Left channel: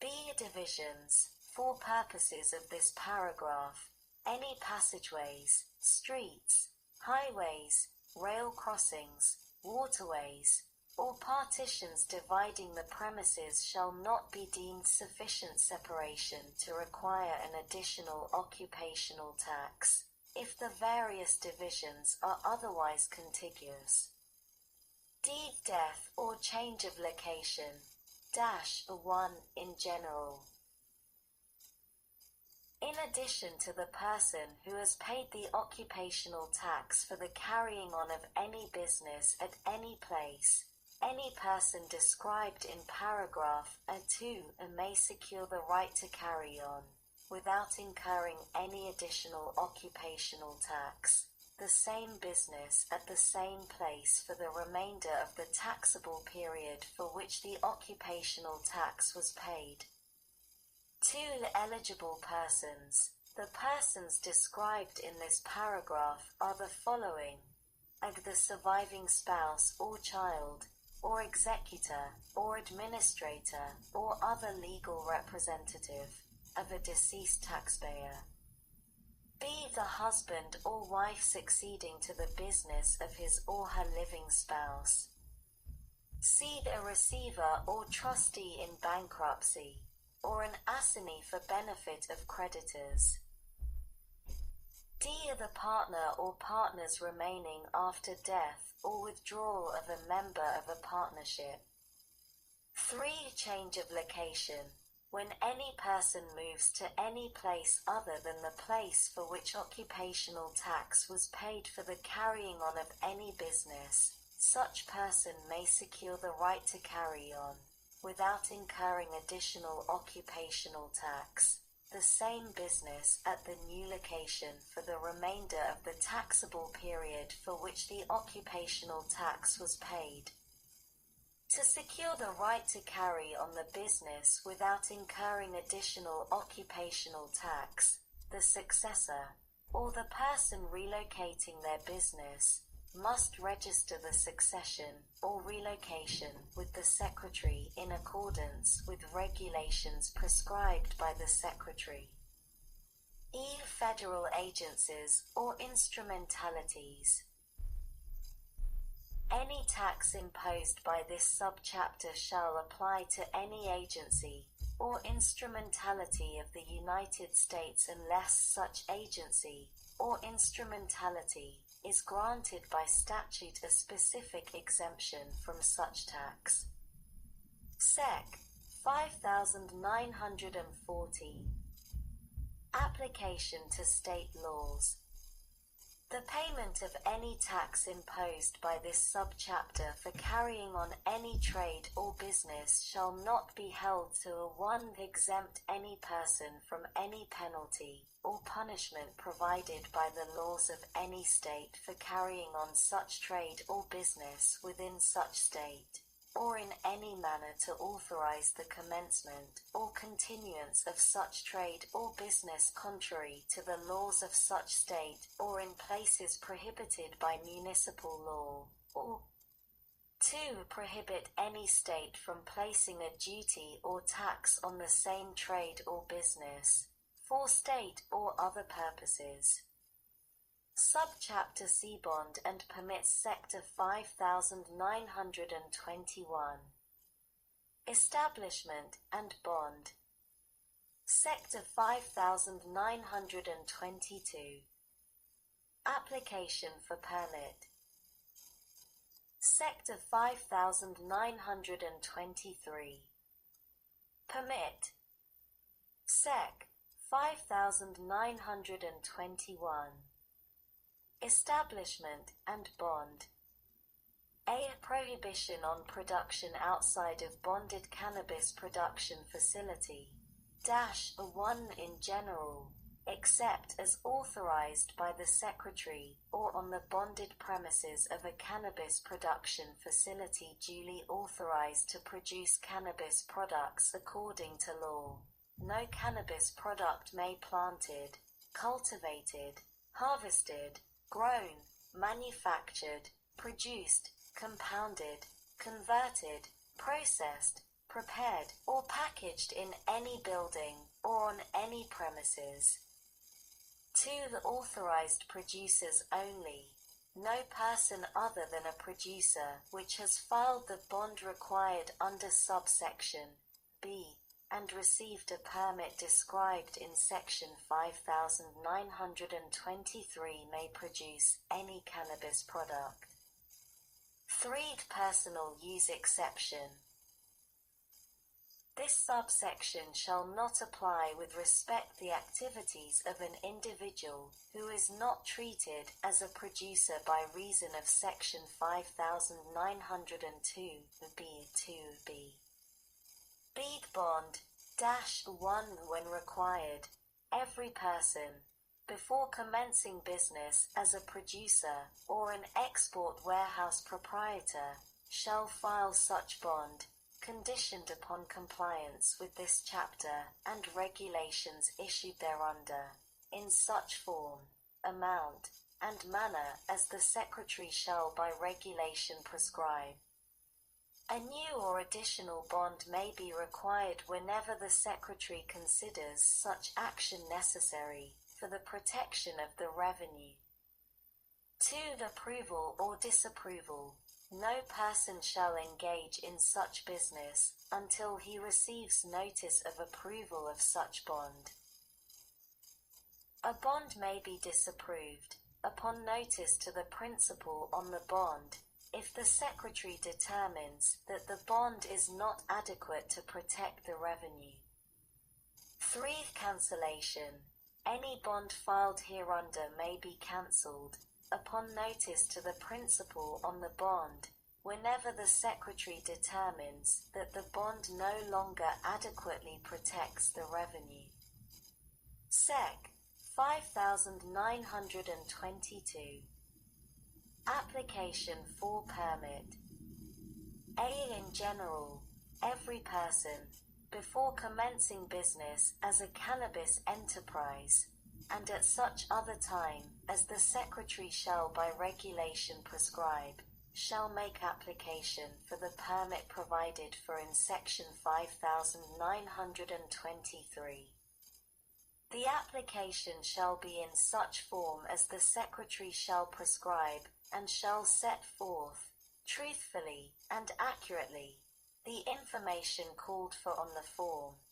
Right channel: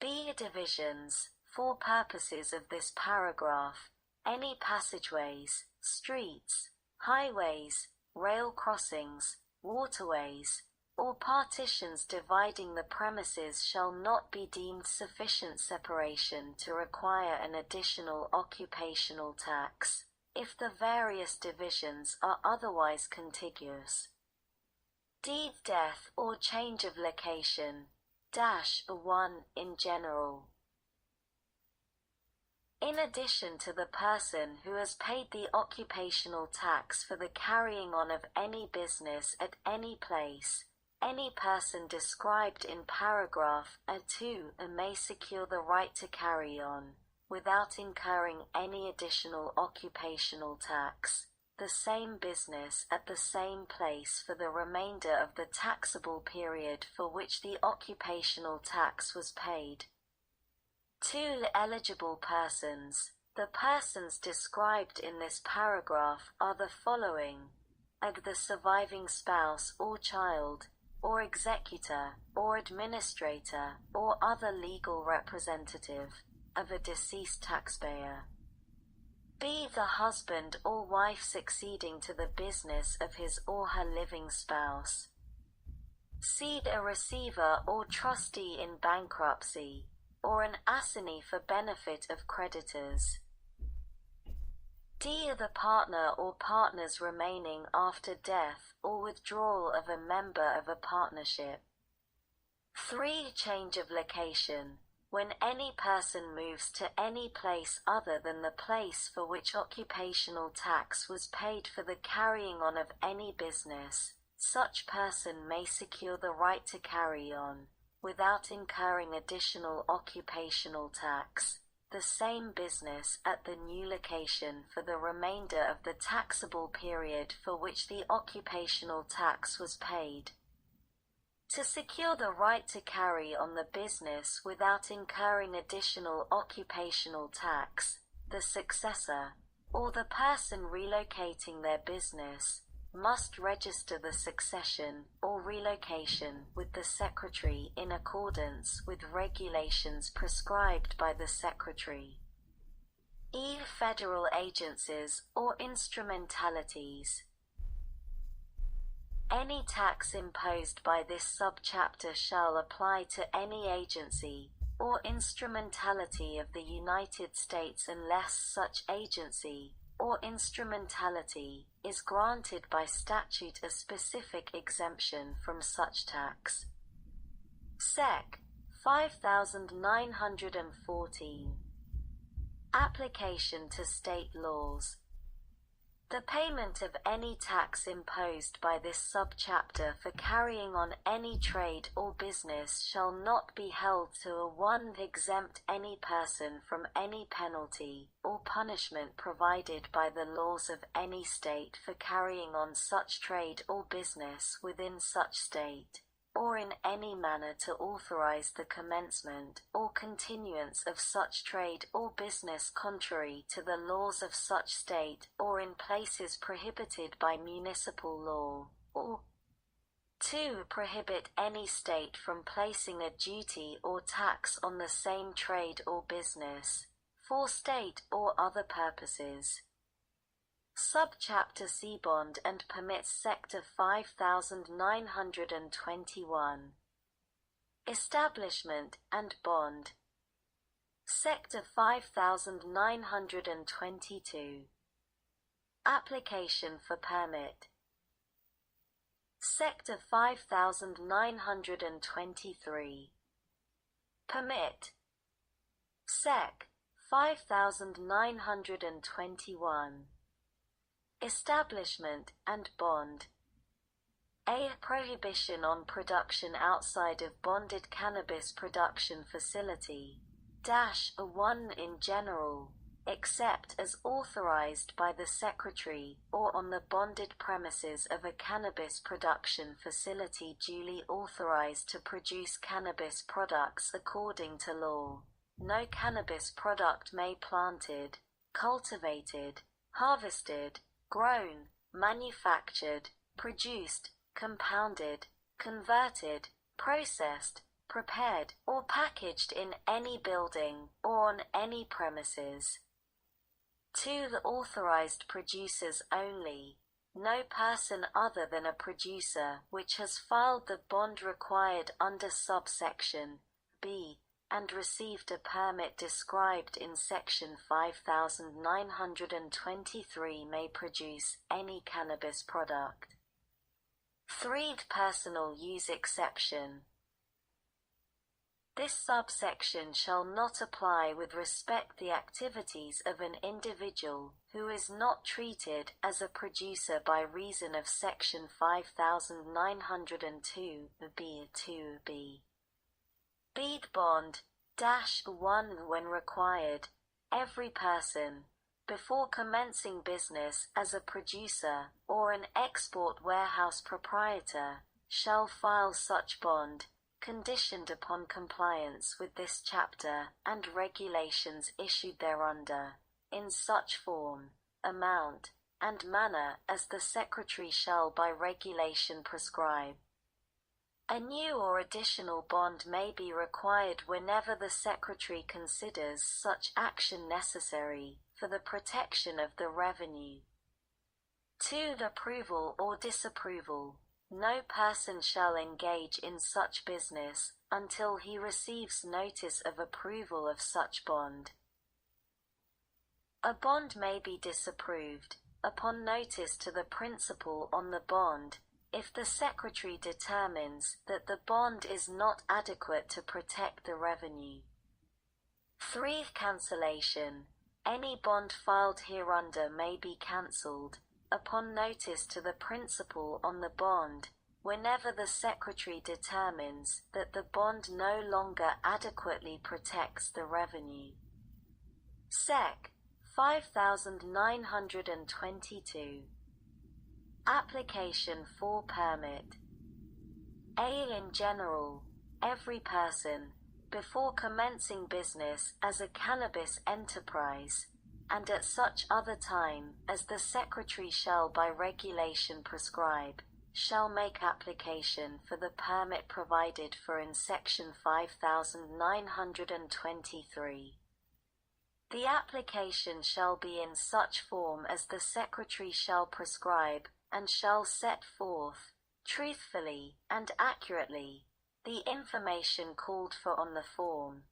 B. Divisions. For purposes of this paragraph, any passageways, streets, highways, rail crossings, waterways, or partitions dividing the premises shall not be deemed sufficient separation to require an additional occupational tax, if the various divisions are otherwise contiguous. D. Death or change of location. 1. In general. In addition to the person who has paid the occupational tax for the carrying on of any business at any place, any person described in paragraph A2 may secure the right to carry on, without incurring any additional occupational tax, the same business at the same place for the remainder of the taxable period for which the occupational tax was paid. 2. Eligible persons. The persons described in this paragraph are the following: the surviving spouse or child, or executor, or administrator, or other legal representative of a deceased taxpayer. B. The husband or wife succeeding to the business of his or her living spouse. C. A receiver or trustee in bankruptcy, or an assignee for benefit of creditors. D. The partner or partners remaining after death or withdrawal of a member of a partnership. 3. Change of location. When any person moves to any place other than the place for which occupational tax was paid for the carrying on of any business, such person may secure the right to carry on, without incurring additional occupational tax, the same business at the new location for the remainder of the taxable period for which the occupational tax was paid. To secure the right to carry on the business without incurring additional occupational tax, the successor, or the person relocating their business, must register the succession or relocation with the Secretary in accordance with regulations prescribed by the Secretary. E. Federal agencies or instrumentalities. Any tax imposed by this subchapter shall apply to any agency or instrumentality of the United States unless such agency or instrumentality is granted by statute a specific exemption from such tax. Sec. 5914. Application to state laws. The payment of any tax imposed by this subchapter for carrying on any trade or business shall not be held to 1. Exempt any person from any penalty or punishment provided by the laws of any state for carrying on such trade or business within such state, or in any manner to authorize the commencement or continuance of such trade or business contrary to the laws of such state or in places prohibited by municipal law, or 2. Prohibit any state from placing a duty or tax on the same trade or business, for state or other purposes. Subchapter C. Bond and permits Sector 5921. Establishment and bond. Sector 5922. Application for permit. Sector 5923. Permit. Sec. 5921. Establishment and bond. A. Prohibition on production outside of bonded cannabis production facility. 1. In general, except as authorized by the Secretary, or on the bonded premises of a cannabis production facility duly authorized to produce cannabis products according to law. No cannabis product may planted, cultivated, harvested, grown, manufactured, produced, compounded, converted, processed, prepared, or packaged in any building or on any premises. 2. The authorized producers only. No person other than a producer which has filed the bond required under subsection B and received a permit described in section 5923 may produce any cannabis product. 3. Personal use exception. This subsection shall not apply with respect the activities of an individual who is not treated as a producer by reason of section 5902 B2b. Bead bond -1 When required, every person, before commencing business as a producer or an export warehouse proprietor, shall file such bond, conditioned upon compliance with this chapter and regulations issued thereunder, in such form, amount, and manner as the Secretary shall by regulation prescribe. A new or additional bond may be required whenever the Secretary considers such action necessary for the protection of the revenue. 2. Approval or disapproval. No person shall engage in such business until he receives notice of approval of such bond. A bond may be disapproved, upon notice to the principal on the bond, if the Secretary determines that the bond is not adequate to protect the revenue. 3. Cancellation. Any bond filed hereunder may be cancelled, upon notice to the principal on the bond, whenever the Secretary determines that the bond no longer adequately protects the revenue. Sec. 5922. Application for permit. A. In general, every person, before commencing business as a cannabis enterprise, and at such other time as the Secretary shall by regulation prescribe, shall make application for the permit provided for in section 5923. The application shall be in such form as the Secretary shall prescribe, and shall set forth, truthfully and accurately, the information called for on the form.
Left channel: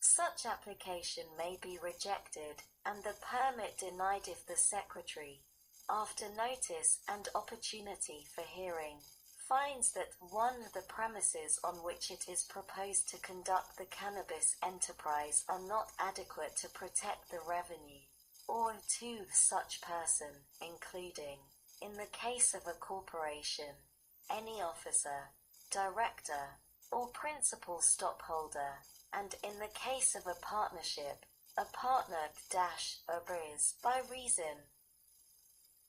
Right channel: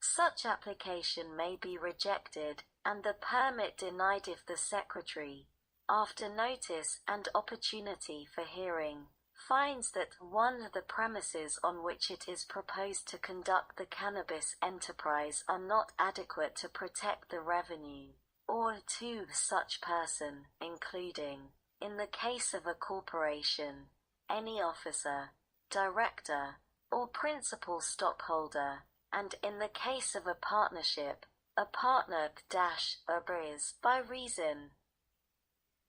Such application may be rejected, and the permit denied if the Secretary, after notice and opportunity for hearing, finds that 1. The premises on which it is proposed to conduct the cannabis enterprise are not adequate to protect the revenue, or 2. Such person, including, in the case of a corporation, any officer, director, or principal stockholder, and in the case of a partnership, a partner is by reason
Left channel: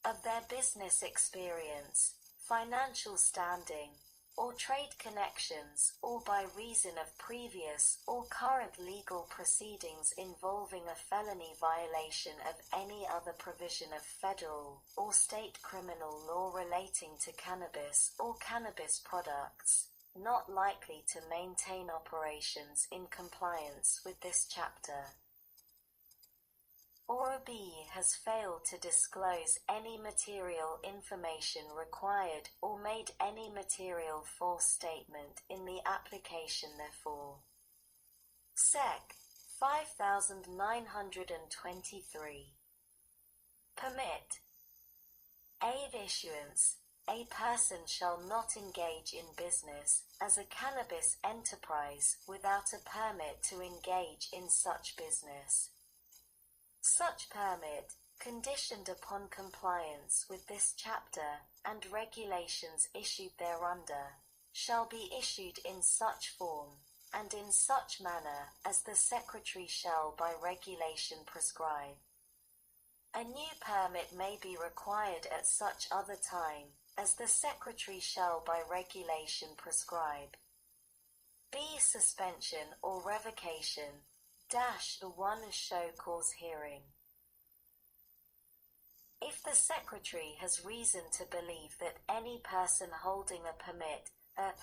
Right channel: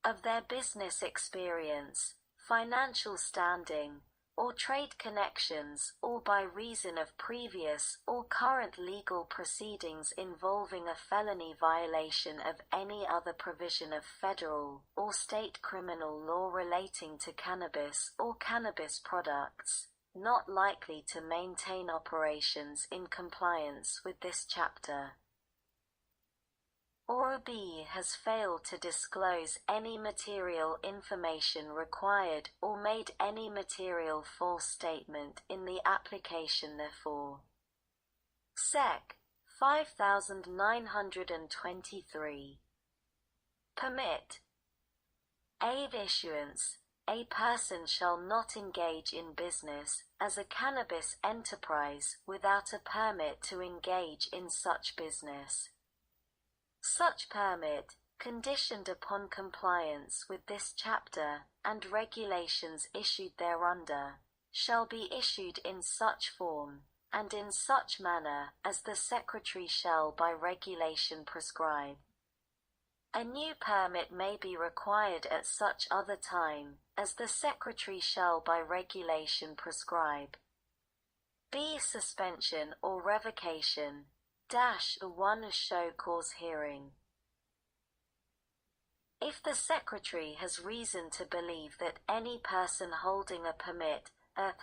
of their business experience, financial standing, or trade connections, or by reason of previous or current legal proceedings involving a felony violation of any other provision of federal or state criminal law relating to cannabis or cannabis products, not likely to maintain operations in compliance with this chapter. Or B. Has failed to disclose any material information required or made any material false statement in the application therefor. Sec. 5923. Permit. Aid issuance. A person shall not engage in business as a cannabis enterprise without a permit to engage in such business. Such permit, conditioned upon compliance with this chapter and regulations issued thereunder, shall be issued in such form and in such manner as the Secretary shall by regulation prescribe. A new permit may be required at such other time as the Secretary shall by regulation prescribe. B. Suspension or revocation -1 Show cause hearing. If the Secretary has reason to believe that any person holding a permit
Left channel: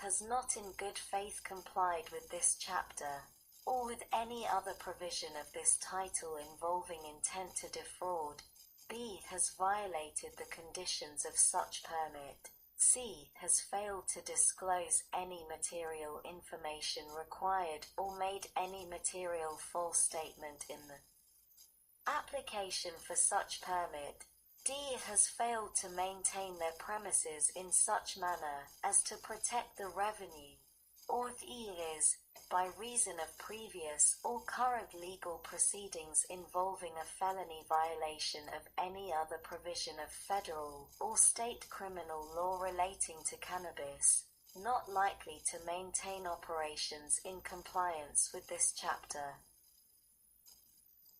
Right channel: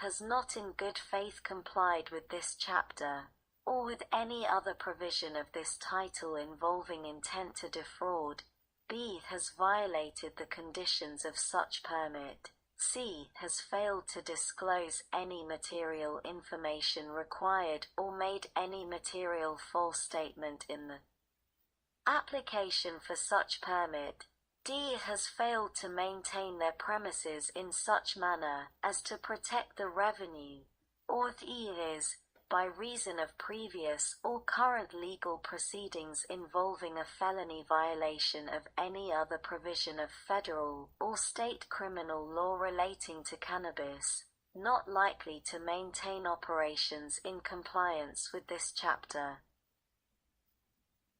has not in good faith complied with this chapter, or with any other provision of this title involving intent to defraud, B. has violated the conditions of such permit, C. has failed to disclose any material information required or made any material false statement in the application for such permit, D. has failed to maintain their premises in such manner as to protect the revenue, or E. is, by reason of previous or current legal proceedings involving a felony violation of any other provision of federal or state criminal law relating to cannabis, not likely to maintain operations in compliance with this chapter.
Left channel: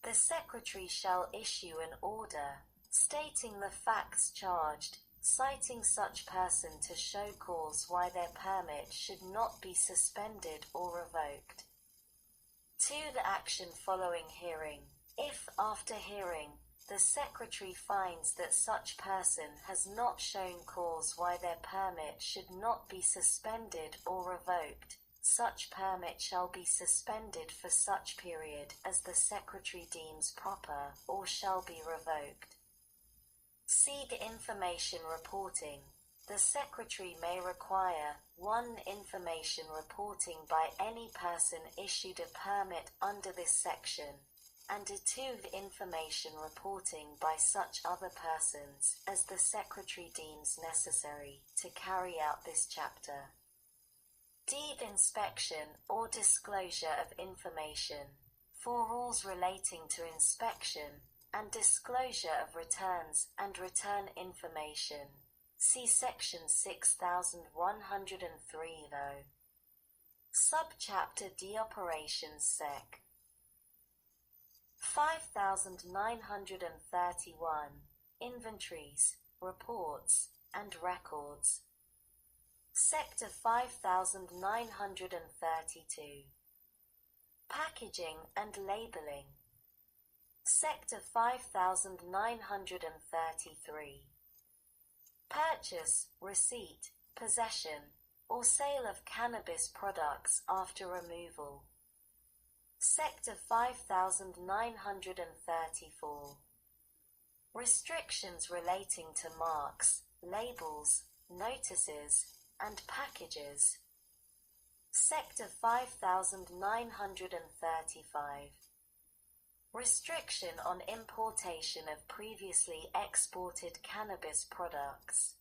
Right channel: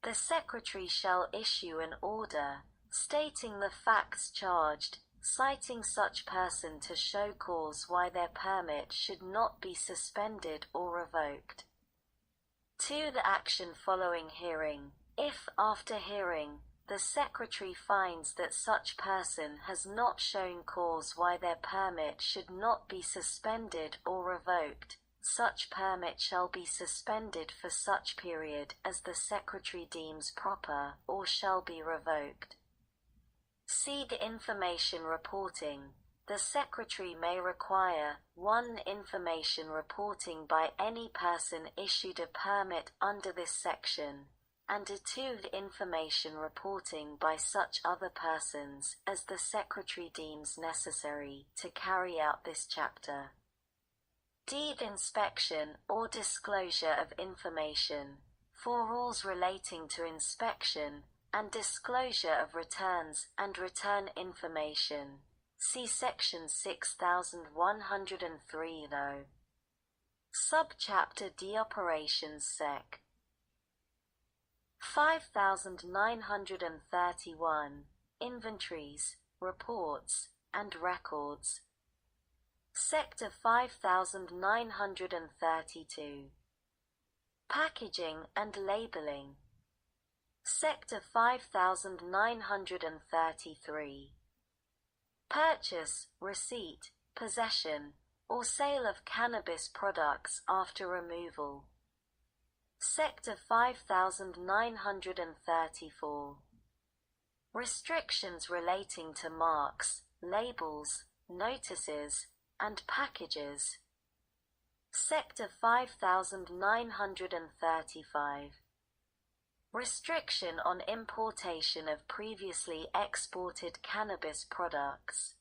The Secretary shall issue an order stating the facts charged, citing such person to show cause why their permit should not be suspended or revoked. 2. The action following hearing. If, after hearing, the Secretary finds that such person has not shown cause why their permit should not be suspended or revoked, such permit shall be suspended for such period as the Secretary deems proper or shall be revoked. C. The information reporting. The Secretary may require 1. Information reporting by any person issued a permit under this section, and 2. The information reporting by such other persons as the Secretary deems necessary to carry out this chapter. D. The inspection or disclosure of information. For rules relating to inspection and disclosure of returns and return information, see Section 6103 though. Subchapter D. Operations Sec. 5931. Inventories, Reports, and Records. Sector 5932. Packaging and Labeling. Sector 5933. Purchase, receipt, possession, or sale of cannabis products after removal. Sector 5934. Restrictions relating to marks, labels, notices, and packages. Sector 5935. Restriction on importation of previously exported cannabis products.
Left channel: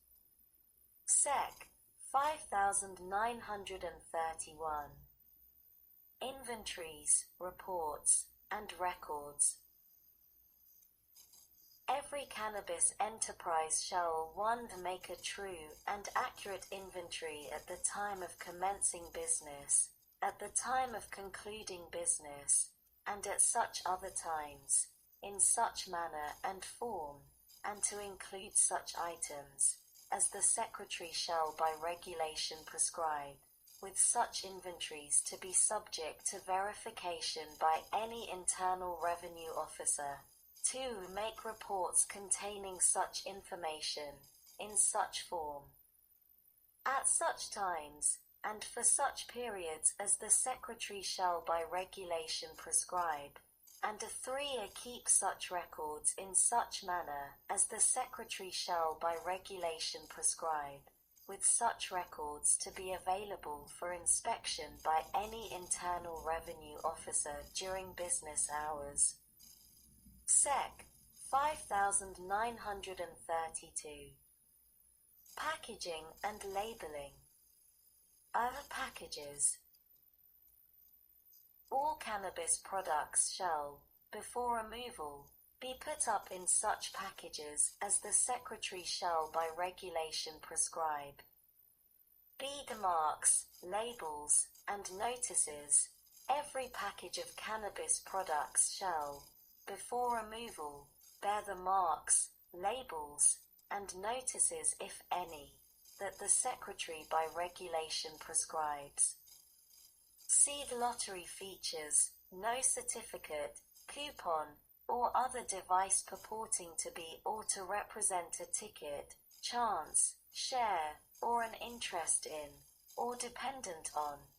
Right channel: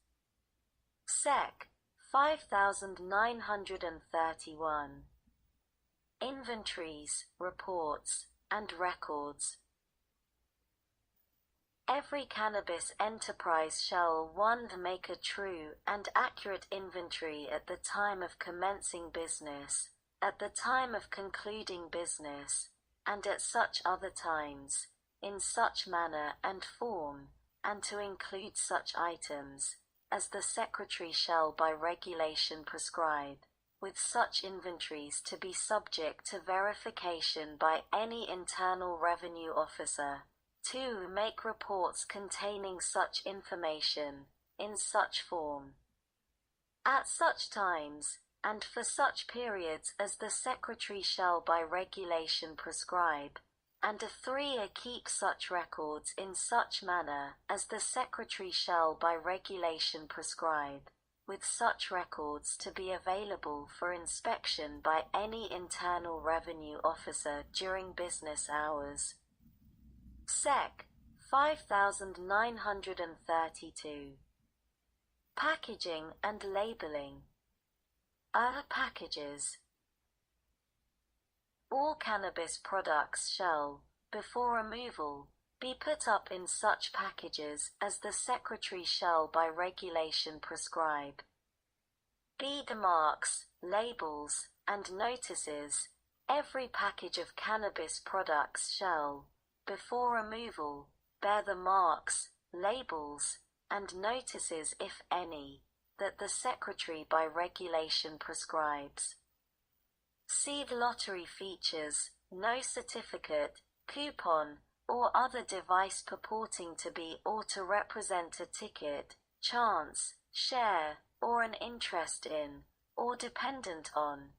Sec. 5931. Inventories, Reports, and Records. Every cannabis enterprise shall 1. Make a true and accurate inventory at the time of commencing business, at the time of concluding business, and at such other times, in such manner and form, and to include such items, as the Secretary shall by regulation prescribe, with such inventories to be subject to verification by any internal revenue officer. 2. Make reports containing such information, in such form, at such times, and for such periods as the Secretary shall by regulation prescribe, and 3. Keep such records in such manner as the Secretary shall by regulation prescribe, with such records to be available for inspection by any internal revenue officer during business hours. Sec. 5932. Packaging and Labeling. Packages. All cannabis products shall, before removal, be put up in such packages as the Secretary shall by regulation prescribe. B. The marks, labels, and notices. Every package of cannabis products shall, before removal, bear the marks, labels, and notices, if any, that the Secretary by regulation prescribes. See the lottery features, no certificate, coupon, or other device purporting to be or to represent a ticket, chance, share, or an interest in, or dependent on.